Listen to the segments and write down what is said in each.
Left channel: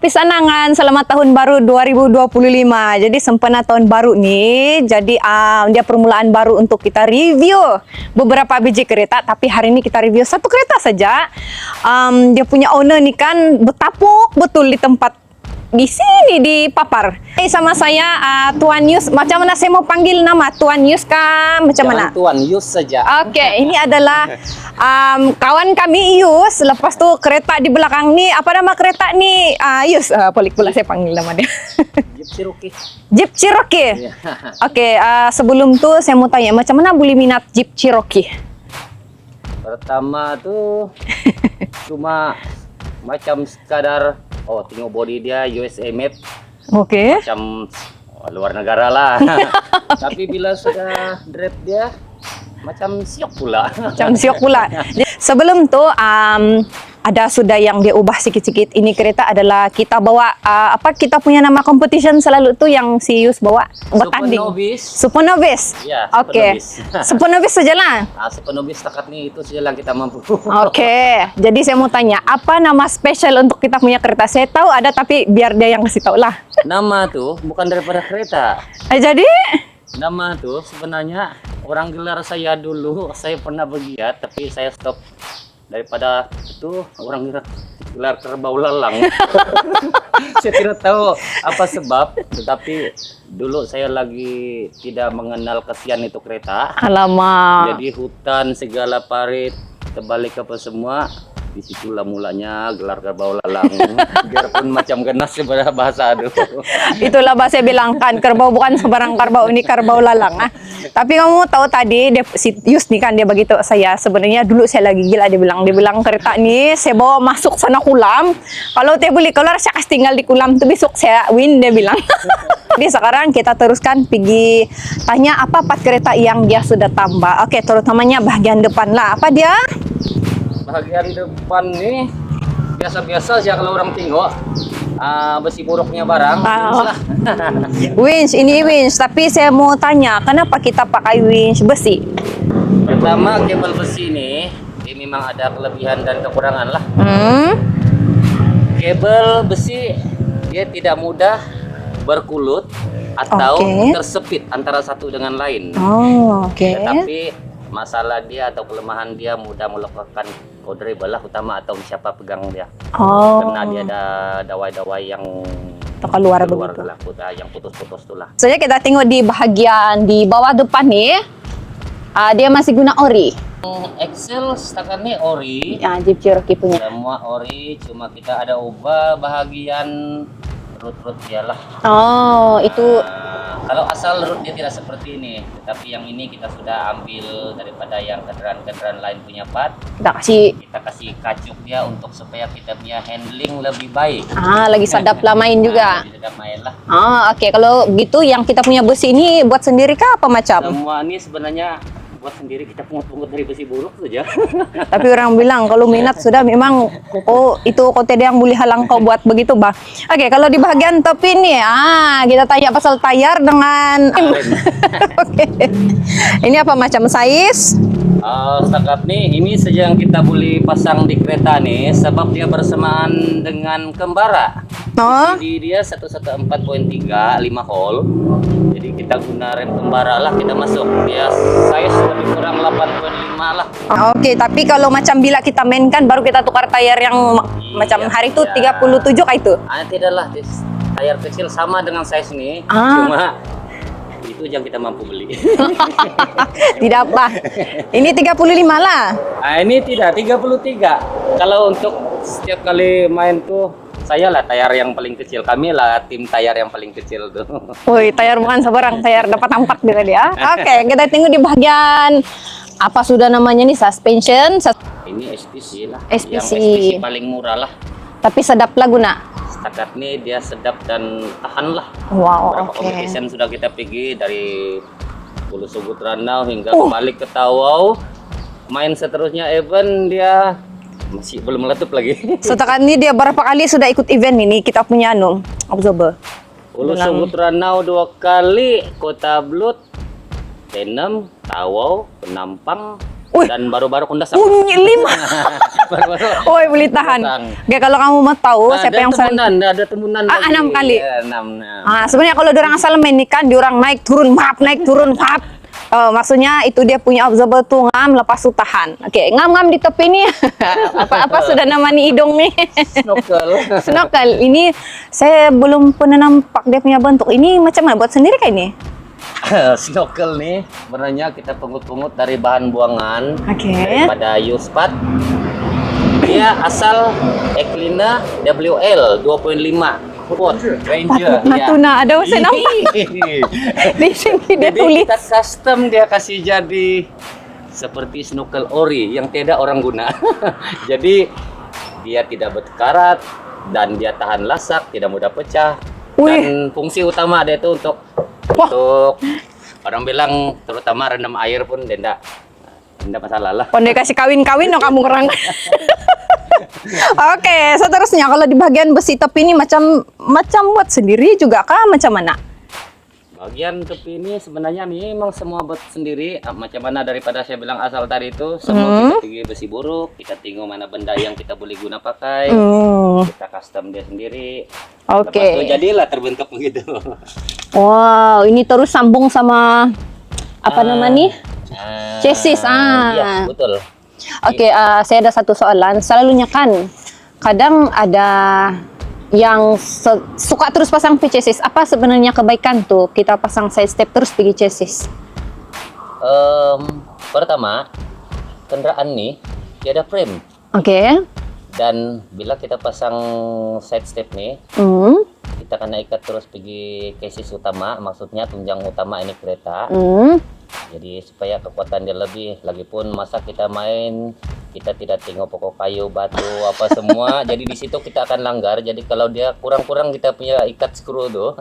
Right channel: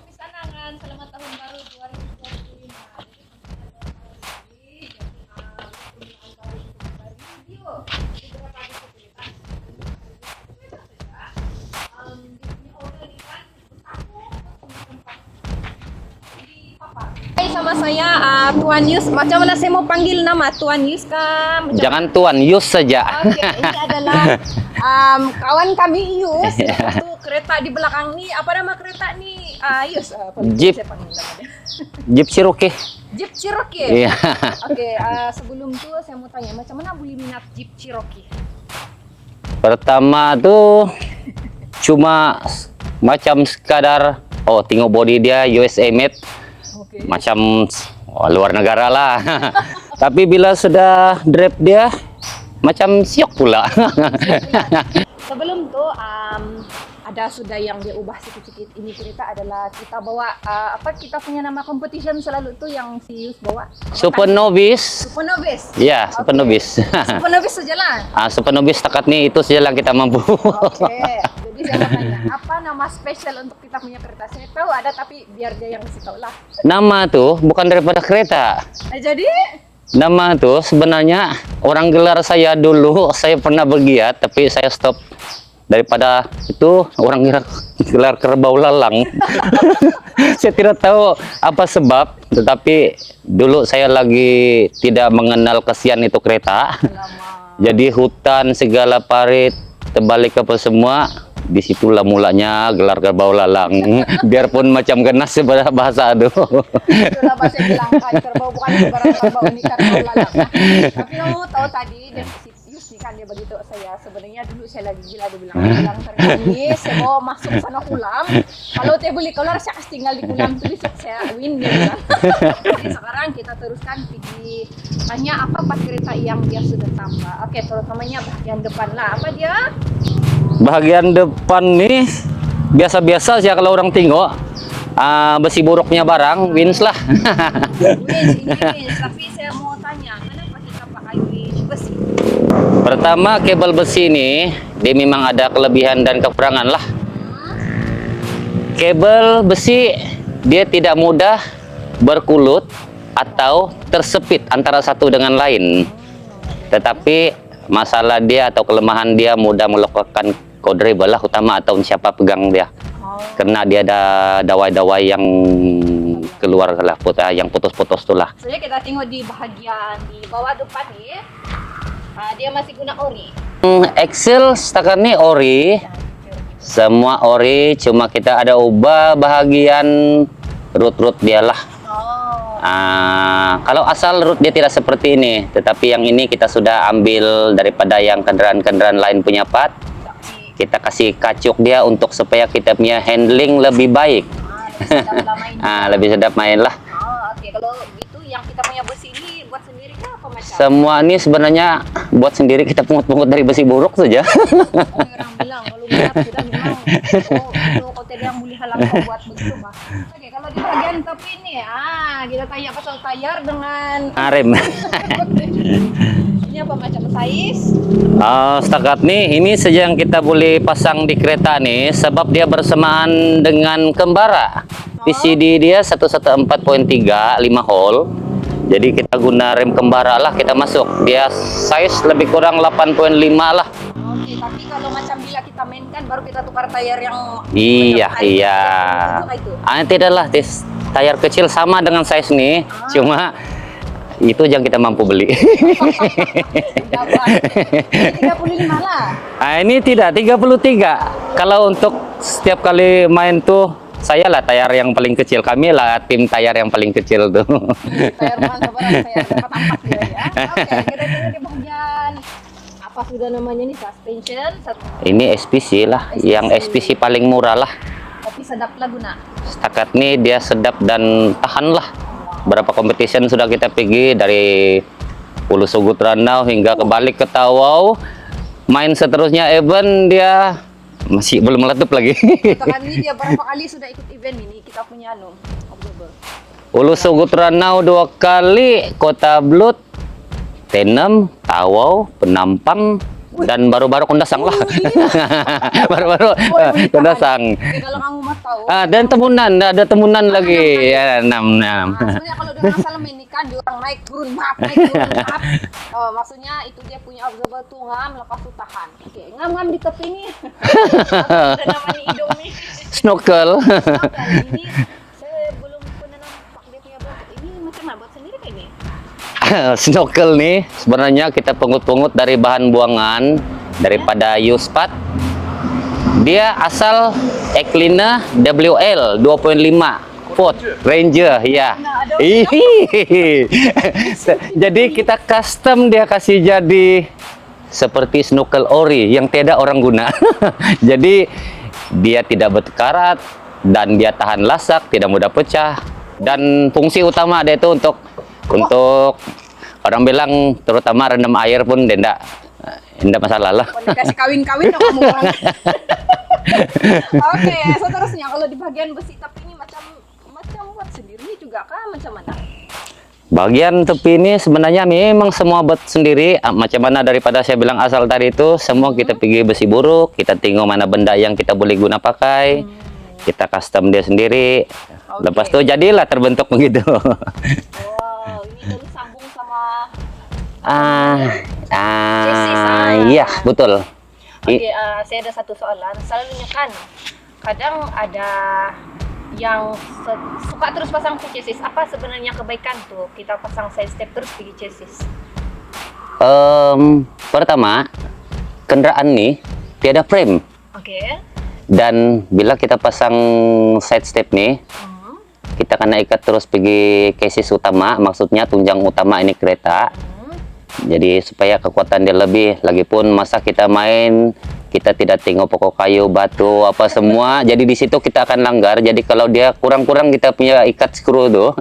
Pisanangan, selamat tahun baru 2025. Jadi sempena tahun baru nih, jadi dia permulaan baru untuk kita review beberapa biji kereta. Tapi hari ini kita review satu kereta saja. Dia punya owner nih kan betapuk betul di tempat di sini di Papar. Sama saya Tuan Yus. Macam mana saya mau panggil nama Tuan Yus kah? Macam Jangan mana? Tuan Yus saja. Oke, ini adalah kawan kami Yus. Lepas tu kereta di belakang ni, apa nama kereta ni? Yus, boleh saya panggil nama dia. Jeep Cherokee. Jeep Cherokee. Iya. Oke, sebelum tu saya mau tanya, macam mana boleh minat Jeep Cherokee? Pertama tuh cuma macam sekadar tengok body dia USA made. Oke. Macam luar negara lah. Tapi bila sudah drive dia macam siok pula. Macam siok pula. Sebelum tu ada sudah yang dia ubah sikit-sikit. Ini kereta adalah kita bawa kita punya nama competition selalu tu yang si Yus bawa. Super Novice. Super Novice. Ya, Super Novice. Super Novice sajalah. Super Novice takat ni itu saja yang kita mampu. Oke. Jadi saya mau tanya, apa nama spesial untuk kita punya kereta? Saya tahu ada tapi biar dia yang kasih tahu lah. Nama tuh bukan daripada kereta. Jadi nama tuh sebenarnya orang gelar saya dulu, saya pernah bergiat tapi saya stop. Daripada itu orang gelar kerbau lalang. Saya tidak tahu apa sebab, tetapi dulu saya lagi tidak mengenal kesian itu kereta. Alamak. Jadi hutan segala parit terbalik apa semua. Disitulah mulanya gelar kerbau lalang. Biarpun macam genas sebenarnya bahasa aduh. Itulah bahasa saya bilang kan, kerbau bukan sebarang kerbau, ini kerbau lalang. Nah, tapi kamu tahu tadi si Yus nih kan dia begitu saya sebenarnya dulu saya lagi gila dia bilang kereta ini saya bawa masuk sana kulam. Kalau dia boleh keluar saya kasih tinggal di kulam tuh besok saya win dia bilang. Jadi sekarang kita teruskan pergi tanya apa part kereta yang dia sudah tambah. Oke, terutamanya bagian depan lah. Apa dia? Bagian depan nih biasa-biasa sih kalau orang tengok besi buruknya barang, winch lah. Winch, ini winch. Tapi saya mau tanya, kenapa kita pakai winch besi? Pertama, kabel besi ini dia memang ada kelebihan dan kekurangan lah. Kabel besi dia tidak mudah berkulut atau tersepit antara satu dengan lain. Tetapi masalah dia atau kelemahan dia mudah melakukan kodribble lah utama atau siapa pegang dia. Karena dia ada dawai-dawai yang keluar lah, yang putus-putus tu lah. Soalnya kita tengok di bahagian di bawah depan nih, dia masih guna ori. Axle setakat ni ori. Jeep Cherokee punya. Semua ori, cuma kita ada ubah bahagian root dia lah. Itu. Kalau asal root dia tidak seperti ini, tetapi yang ini kita sudah ambil daripada yang kendaraan-kendaraan lain punya part. Kita kasih kacuk dia untuk supaya kita punya handling lebih baik. Lagi sedap lah main juga. Lebih sedap main lah. Oke. Kalau gitu yang kita punya besi ini buat sendiri kah apa macam? Semua ini sebenarnya buat sendiri, kita pungut-pungut dari besi buruk saja. Tapi orang bilang kalau minat sudah memang itu kote yang boleh halang kau buat begitu bah. Oke, kalau di bagian top ini kita tanya pasal tayar dengan rem. Ini apa macam size? Setakat nih ini saja yang kita boleh pasang di kereta nih, sebab dia bersamaan dengan kembara. PCD dia 114.3 5 hole. Jadi kita guna rem kembara lah, kita masuk. Dia size lebih kurang 8.5 lah. Oke, tapi kalau macam bila kita mainkan baru kita tukar tayar yang macam hari itu 37 kah itu? Tidak lah, tayar kecil sama dengan size nih. Cuma itu yang kita mampu beli. Tidak apa. Ini 35 lah. Ini tidak 33. Kalau untuk setiap kali main tuh saya lah tayar yang paling kecil. Kami lah tim tayar yang paling kecil tuh. Woi, tayar bukan sebarang tayar dapat 4 juga dia. Oke, kita tengok di bagian apa sudah namanya nih suspension. Ini SPC lah, yang SPC paling murah lah. Tapi sedap lah guna. Setakat nih dia sedap dan tahan lah. Berapa competition sudah kita pergi dari Pulau Sugut Ranau hingga kembali ke Tawau. Main seterusnya event dia masih belum meletup lagi. Setakat ini dia berapa kali sudah ikut event ini kita punya observer. Pulau Sugut Ranau 2 kali, Kota Blut, Tenem, Tawau, Penampang, Dan baru-baru kundasang. Lima. Baru-baru Oh, boleh tahan. kundasang. Oke, kalau kamu mau tahu siapa Ada yang temunan, ada temunan lagi. 6 kali. Ya, 6. Sebenarnya kalau orang asal main ini kan, diorang naik turun map, naik turun map. Maksudnya itu dia punya observer tuh ngam, lepas tuh tahan. Oke, ngam-ngam di tepi nih. Apa sudah namanya hidung nih. Snorkel. Snorkel. Ini saya belum pernah nampak dia punya bentuk. Ini macam mana? Buat sendiri kayak ini? Snorkel nih sebenarnya kita pungut-pungut dari bahan buangan daripada Uspat. Dia asal Eklina WL 2.5 foot Ranger ya. Natuna, ada usah nampak. Jadi kita custom dia kasih jadi seperti snorkel ori yang tidak orang guna. Jadi dia tidak berkarat dan dia tahan lasak, tidak mudah pecah. Dan fungsi utama dia itu untuk orang bilang terutama rendam air pun tidak masalah lah. Pandai kasih kawin-kawin dong kamu orang. Oke, seterusnya kalau di bagian besi tepi ini macam buat sendiri juga kah? Macam mana? Bagian tepi ini sebenarnya memang semua buat sendiri. Macam mana daripada saya bilang asal tadi itu semua kita pergi besi buruk, kita tengok mana benda yang kita boleh guna pakai, kita custom dia sendiri. Lepas itu jadilah terbentuk begitu. Wow, ini terus sambung sama apa namanya? Chassis. Iya, betul. Oke, saya ada satu soalan. Selalunya kan kadang ada yang suka terus pasang chassis. Apa sebenarnya kebaikan tuh kita pasang side step terus pergi chassis? Pertama, kendaraan nih tiada frame. Oke. Dan bila kita pasang side step nih, kita kena ikat terus pergi chassis utama, maksudnya tunjang utama ini kereta. Jadi supaya kekuatan dia lebih. Lagipun masa kita main, kita tidak tengok pokok kayu, batu, apa semua. Jadi di situ kita akan langgar. Jadi kalau dia kurang-kurang kita punya ikat skru tuh,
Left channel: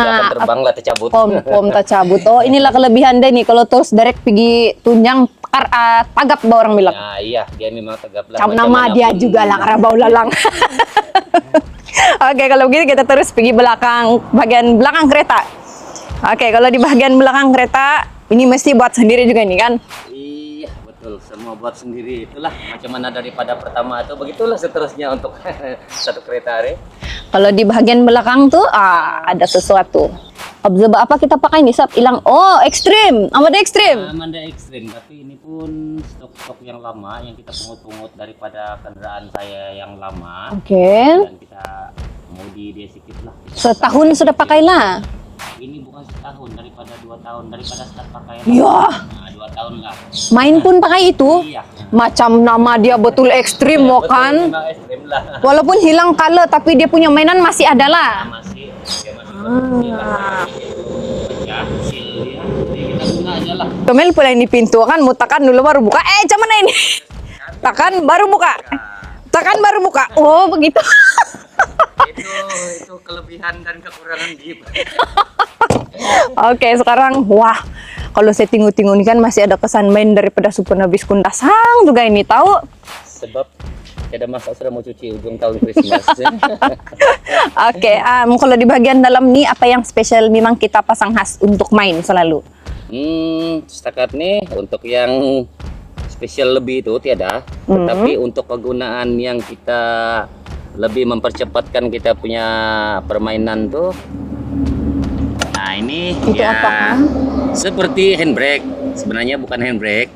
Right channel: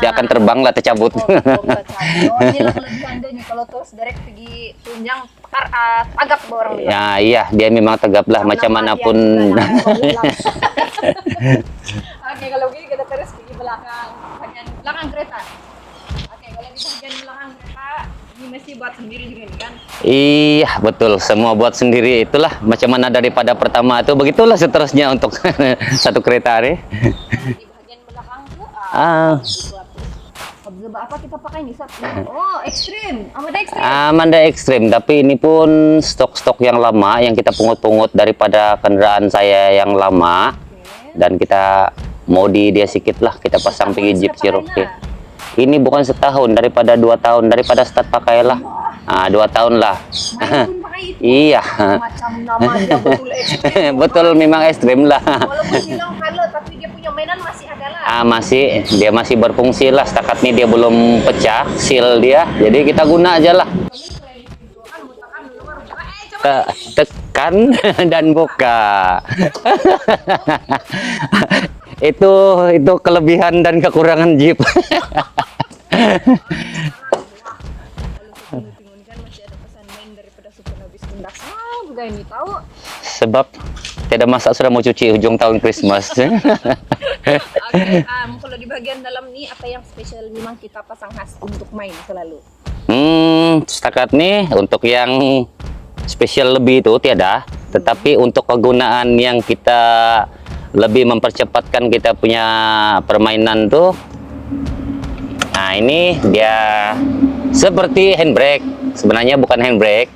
dia akan terbang lah, tercabut. Pom tercabut. Oh, inilah kelebihan deh nih. Kalau terus direct pergi tunjang, tagap orang bilang. Nah iya, dia memang tegap lah macam nama manapun. Dia juga lah, karabau lalang. Oke, kalau begitu kita terus pergi bagian belakang kereta. Oke, kalau di bagian belakang kereta, ini mesti buat sendiri juga nih kan? Iya, betul. Semua buat sendiri. Itulah macam mana daripada pertama itu, begitulah seterusnya untuk satu kereta nih. Kalau di bagian belakang tuh, ada sesuatu. Observer apa kita pakai nih, Sab? Hilang. Oh, ekstrim. Amanda ekstrim. Amanda ekstrim, tapi ini pun stok-stok yang lama yang kita pungut-pungut daripada kendaraan saya yang lama. Dan kita modi dia sedikit lah. Kita pasang setahun sudah pakai lah. Ini bukan setahun, daripada 2 tahun, daripada start pakai lah. 2 tahun lah. Main pun pakai itu? Iya. Macam nama dia betul ekstrim loh kan? Betul, memang ekstrim lah. Walaupun hilang color, tapi dia punya mainan masih ada lah. Dia masih berfungsi lah. Setakat ini dia belum pecah, seal dia. Jadi kita guna aja lah. Kemel pula ini pintu kan, mau tekan dulu baru buka. Cuman mana ini? Tekan baru dan buka. Tekan baru buka. Oh, begitu. itu kelebihan dan kekurangan Jeep. Oke, sekarang wah, kalau saya tengok-tengok ini kan masih ada kesan main daripada Super Nabis Kundasang juga ini tahu. Sebab tidak masak sudah mau cuci ujung tahun Christmas. Oke, kalau di bagian dalam nih apa yang spesial memang kita pasang khas untuk main selalu? Setakat nih untuk yang spesial lebih itu tiada, tetapi untuk kegunaan yang kita lebih mempercepatkan kita punya permainan tuh. Nah ini dia seperti handbrake, sebenarnya bukan handbrake.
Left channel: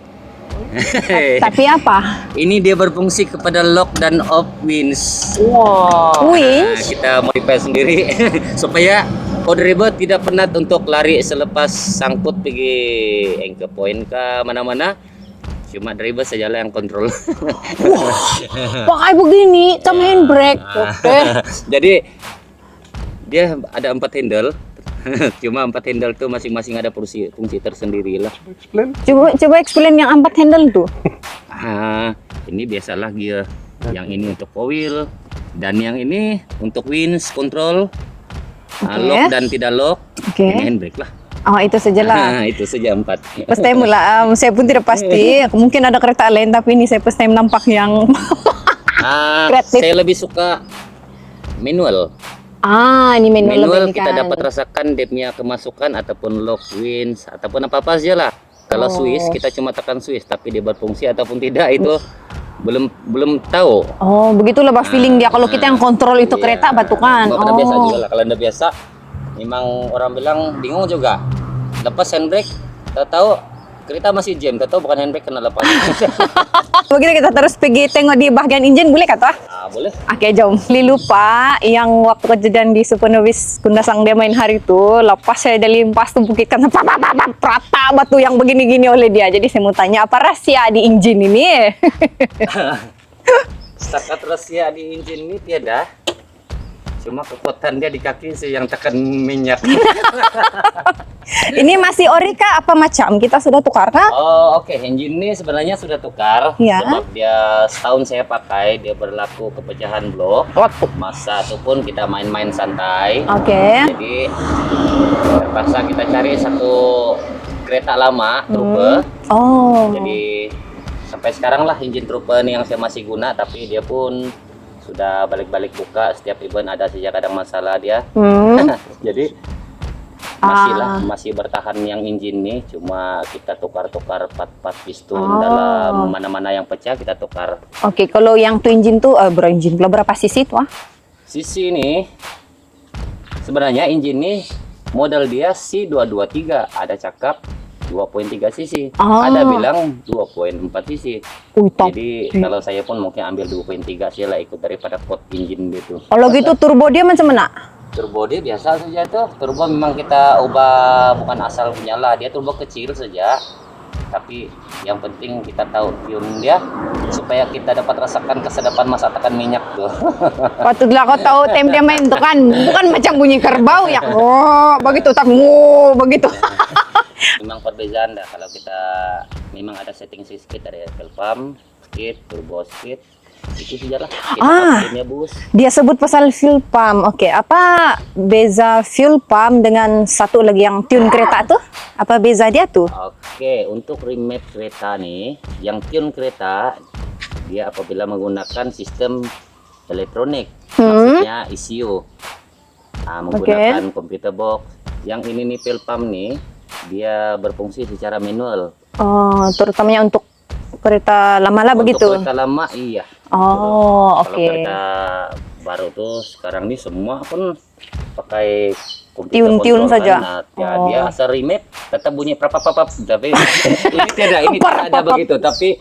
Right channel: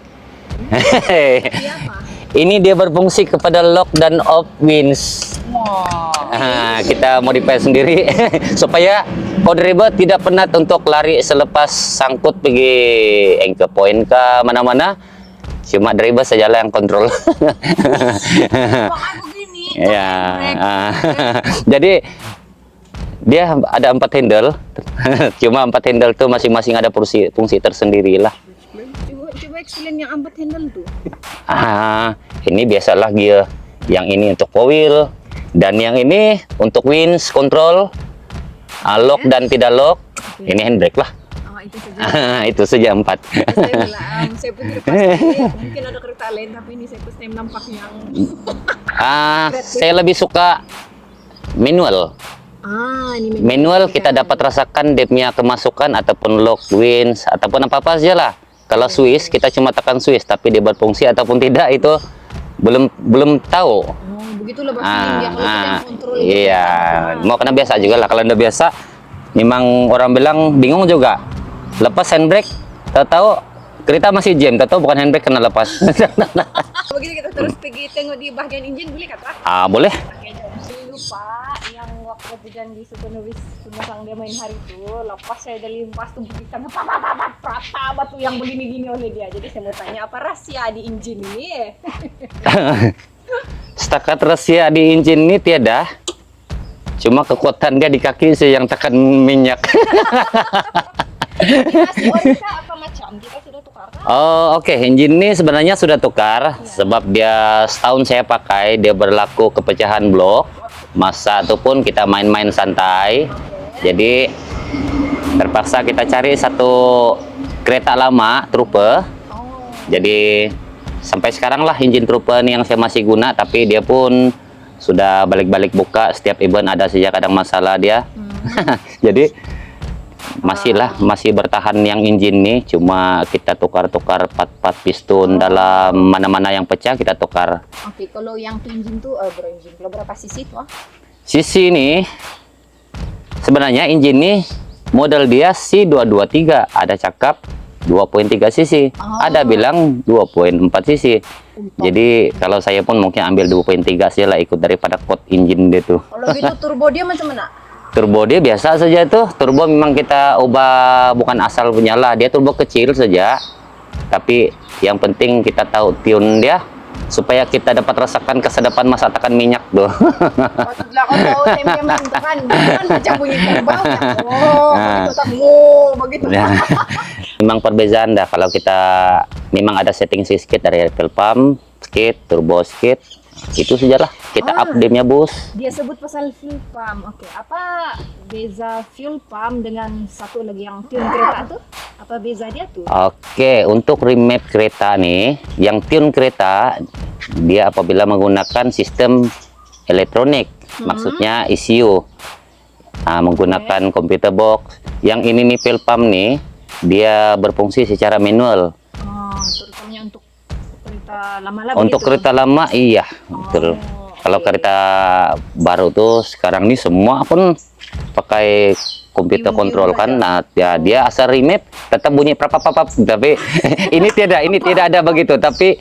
Tapi apa? Ini dia berfungsi kepada lock dan off winch. Nah, kita modify sendiri supaya driver tidak penat untuk lari selepas sangkut pergi anchor point ke mana-mana. Cuma driver sajalah yang kontrol. Pakai begini, tapi handbrake. Jadi dia ada 4 handle. Cuma 4 handle tuh masing-masing ada fungsi tersendiri lah. Coba explain yang 4 handle tuh. Ini biasalah gear. Yang ini untuk four wheel dan yang ini untuk winch control, lock dan tidak lock. Ini handbrake lah. Oh, itu saja lah. Itu saja 4. First time pula. Saya pun tidak pasti. Mungkin ada kereta lain, tapi ini saya first time nampak yang saya lebih suka manual. Ini manual kita dapat rasakan dia punya kemasukan ataupun lock winch ataupun apa-apa saja lah. Kalau Swiss kita cuma tekan Swiss, tapi dia berfungsi ataupun tidak itu belum tahu. Oh, begitulah feeling dia kalau kita yang kontrol itu Iya. kereta batu kan. Mau kena biasa juga lah. Kalau udah biasa, memang orang bilang bingung juga. Lepas handbrake, tahu-tahu kereta masih jam, tahu-tahu bukan handbrake kena lepas. Begitu kita terus pergi tengok di bagian enjin, boleh kata? Boleh. Oke, jom. Lupa yang waktu kejadian di Supernovis Kundasang dia main hari itu, lepas saya dari limpas tuh bukit kan rata batu yang begini-gini oleh dia. Jadi saya mau tanya apa rahasia di enjin ini? Setakat rahasia di engine ini tiada. Cuma kekuatan dia di kaki sih yang tekan minyak. Ini masih ori kah apa macam? Kita sudah tukar kah? Oh, oke. Engine ini sebenarnya sudah tukar. Ya. Sebab dia setahun saya pakai, dia berlaku kepecahan blok. Masa itu pun kita main-main santai. Oke. Jadi terpaksa kita cari satu kereta lama, Trooper. Oh. Jadi sampai sekarang lah engine Trooper ini yang saya masih guna, tapi dia pun sudah balik-balik buka setiap event ada saja kadang masalah dia. Jadi masih bertahan yang engine nih, cuma kita tukar-tukar part-part piston dalam mana-mana yang pecah kita tukar. Oke, kalau yang twin engine tuh berapa cc tuh? Sisi ini sebenarnya engine ini model dia C223, ada cakap 2.3 cc, ada bilang 2.4 cc. Jadi kalau saya pun mungkin ambil 2.3 saja lah, ikut daripada code engine dia tuh. Kalau gitu turbo dia macam mana? Turbo dia biasa saja tuh. Turbo memang kita ubah, bukan asal menyala, dia turbo kecil saja. Tapi yang penting kita tahu tune dia supaya kita dapat rasakan kesedapan masa tekan minyak tuh. Patutlah kau tahu tem dia main itu kan macam bunyi kerbau ya. Begitu tak begitu. Memang perbezaan dah kalau kita memang ada setting sedikit dari fuel pump, sedikit, turbo sedikit. Itu sajalah kita update-nya bos. Dia sebut pasal fuel pump. Oke, apa beza fuel pump dengan satu lagi yang tune kereta tuh? Apa beza dia tuh? Oke, untuk remap kereta nih, yang tune kereta dia apabila menggunakan sistem elektronik, maksudnya ECU. Menggunakan computer box. Yang ini nih fuel pump nih, dia berfungsi secara manual. Oh, terutamanya untuk kereta lama lah begitu? Untuk kereta lama iya. Betul. Kalau kereta baru tuh sekarang ini semua pun pakai komputer kontrol kan. Nah, ya dia asal remap tetap bunyi papap, tapi ini tidak ada begitu, tapi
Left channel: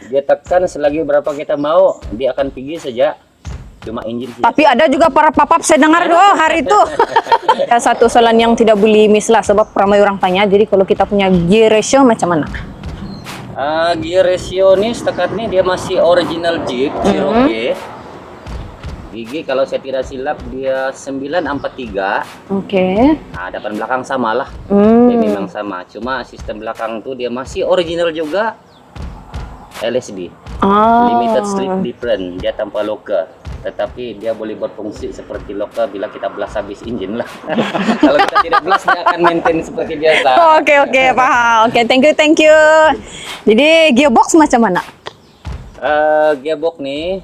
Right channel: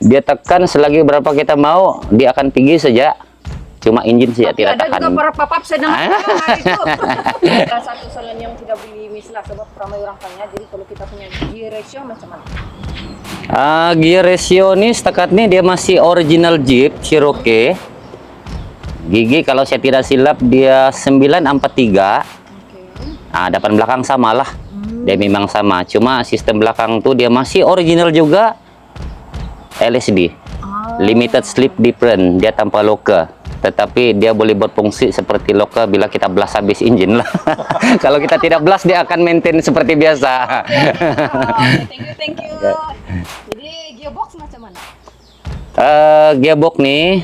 dia tekan selagi berapa kita mau, dia akan pergi saja. Cuma engine saja. Tapi ada juga para papap saya dengar hari itu. Ada satu soalan yang tidak boleh miss lah, sebab ramai orang tanya. Jadi kalau kita punya gear ratio macam mana? Gear ratio ini setakat ini dia masih original Jeep Cherokee. Gigi kalau saya tidak silap dia 943. Oke. Depan belakang sama lah. Dia memang sama. Cuma sistem belakang tuh dia masih original juga. LSD. Limited Slip Different. Dia tanpa loka. Tetapi dia boleh berfungsi seperti loka bila kita blast habis engine lah. Kalau kita tidak blast dia akan maintain seperti biasa. Oke, paham. Oke, thank you. Jadi gearbox macam mana? Gearbox nih,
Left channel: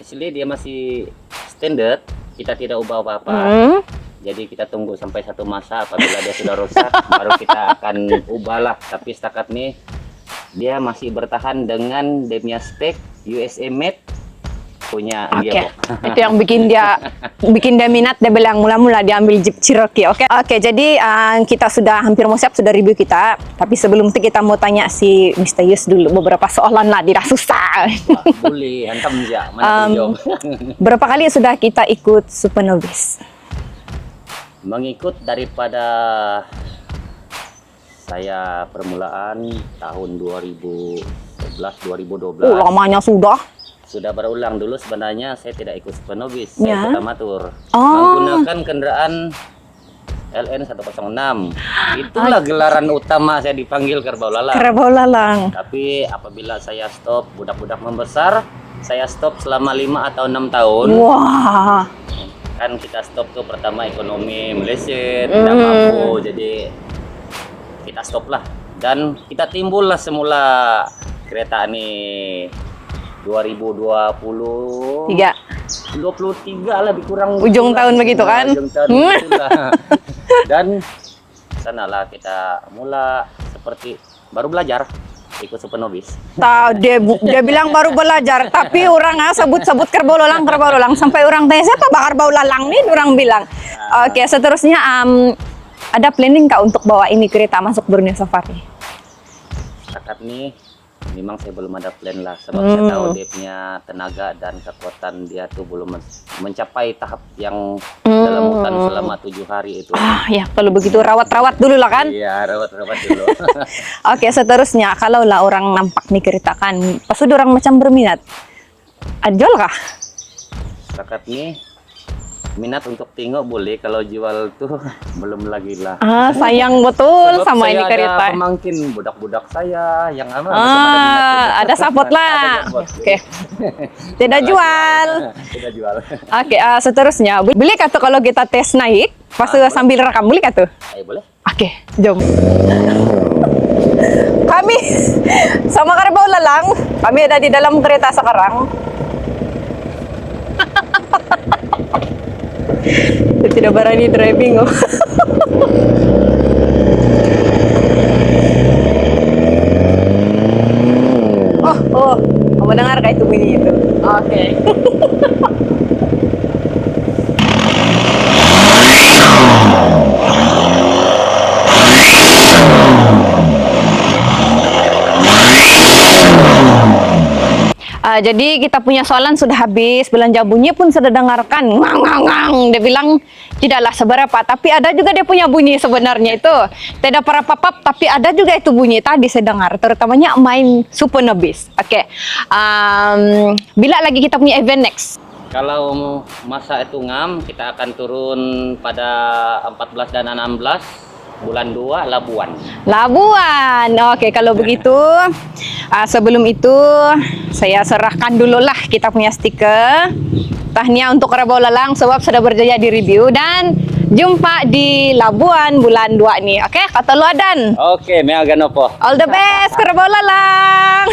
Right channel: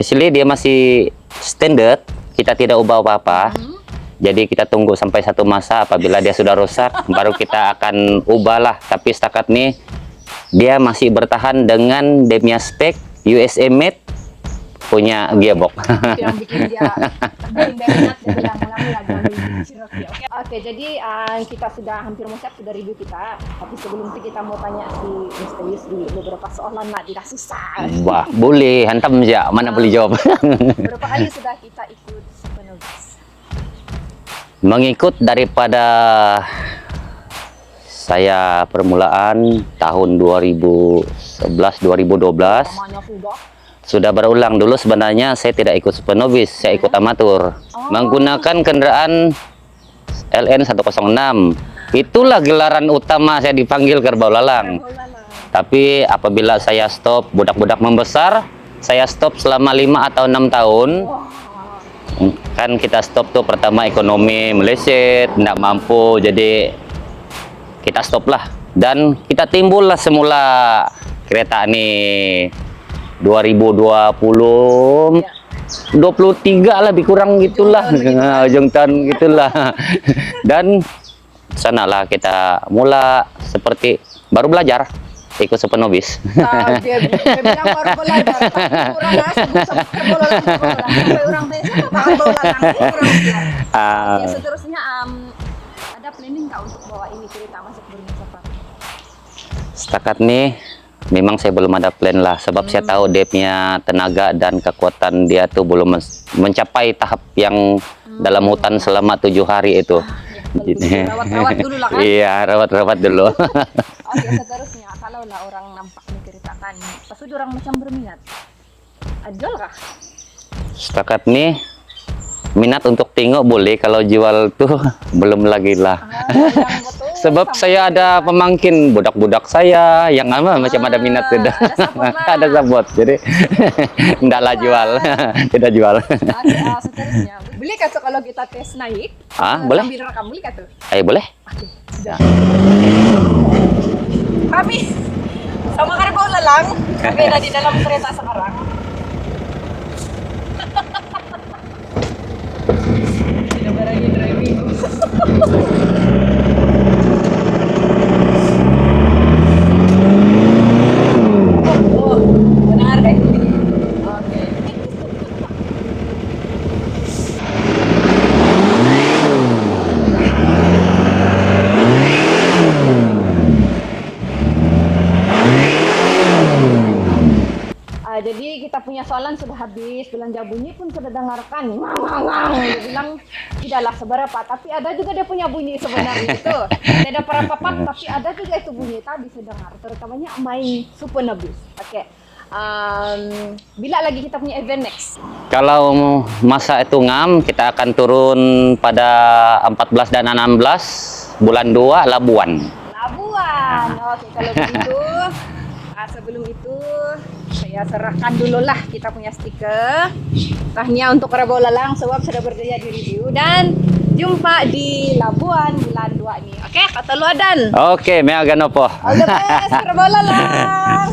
actually dia masih standard. Kita tidak ubah apa-apa. Jadi kita tunggu sampai satu masa apabila dia sudah rusak, baru kita akan ubahlah. Tapi setakat nih dia masih bertahan dengan demia spek USA made punya gearbox. Itu yang bikin dia minat, dia bilang mula-mula dia ambil Jeep Cherokee. Oke, jadi kita sudah hampir mau siap, sudah review kita. Tapi sebelum itu kita mau tanya si Mr. Yus dulu beberapa soalan lah, dia susah. Wah, boleh hantam saja, mana boleh jawab. Berapa kali sudah kita ikut Supernovis? Mengikut daripada saya permulaan tahun 2011-2012. Lamanya sudah. Sudah berulang. Dulu sebenarnya saya tidak ikut Supernovis, saya ikut amatur. Menggunakan kendaraan LN 106. Itulah gelaran utama saya dipanggil Kerbau Lalang. Kerbau Lalang. Tapi apabila saya stop, budak-budak membesar, saya stop selama 5 atau 6 tahun. Wah. Kan kita stop tuh pertama ekonomi meleset, tidak mampu, jadi kita stop lah. Dan kita timbul lah semula kereta nih 2020, 23 lebih kurang ujung gitulah. tahun begitu kan? Ujung tahun gitulah. Dan sanalah kita mula seperti baru belajar ikut sepenobis. Dia bilang baru belajar, tapi orang sebut-sebut kerbau lalang sampai orang tanya siapa kerbau lalang nih, orang bilang. Oke, seterusnya ada planning kak untuk bawa ini kereta masuk Borneo Safari? Setakat nih memang saya belum ada plan lah, sebab saya tahu dia punya tenaga dan kekuatan dia tuh belum mencapai tahap yang dalam hutan selama 7 hari itu. Ya kalau begitu rawat-rawat dulu lah kan. Iya, rawat-rawat dulu. Oke, seterusnya kalau lah orang nampak nih kereta kan, pas udah orang macam berminat, jual kah? Setakat nih minat untuk tengok boleh, kalau jual tuh belum lagi lah. Sayang betul. Sebab sama saya ini ada kereta. pemangkin budak-budak saya yang macam ada minat tidak. Ada support lah. Ada support. Jadi Tidak enggak lah jual. Tidak jual. Oke, seterusnya boleh kah tuh kalau kita tes naik pas Boleh. sambil rekam, boleh kah tuh? Ayo boleh. Oke, jom. Kami sama kerbau lalang, kami ada di dalam kereta sekarang. Tidak berani driving. Oh, kamu dengar kayak itu bunyi itu? Oke. Jadi kita punya soalan sudah habis, belanja bunyi pun sudah dengarkan, ngang ngang ngang. Dia bilang tidaklah seberapa, tapi ada juga dia punya bunyi sebenarnya itu. Tidak para papap, tapi ada juga itu bunyi tadi saya dengar, terutamanya main Super Nobis. Oke, bila lagi kita punya event next? Kalau masa itu ngam, kita akan turun pada 14 dan 16 bulan 2 Labuan. Labuan. Oke, kalau begitu sebelum itu saya serahkan dulu lah kita punya stiker. Tahniah untuk kerbau lalang sebab sudah berjaya di review, dan jumpa di Labuan bulan 2 nih. Oke, kata lu Adan. Oke, mea ganopo. All the best kerbau lalang.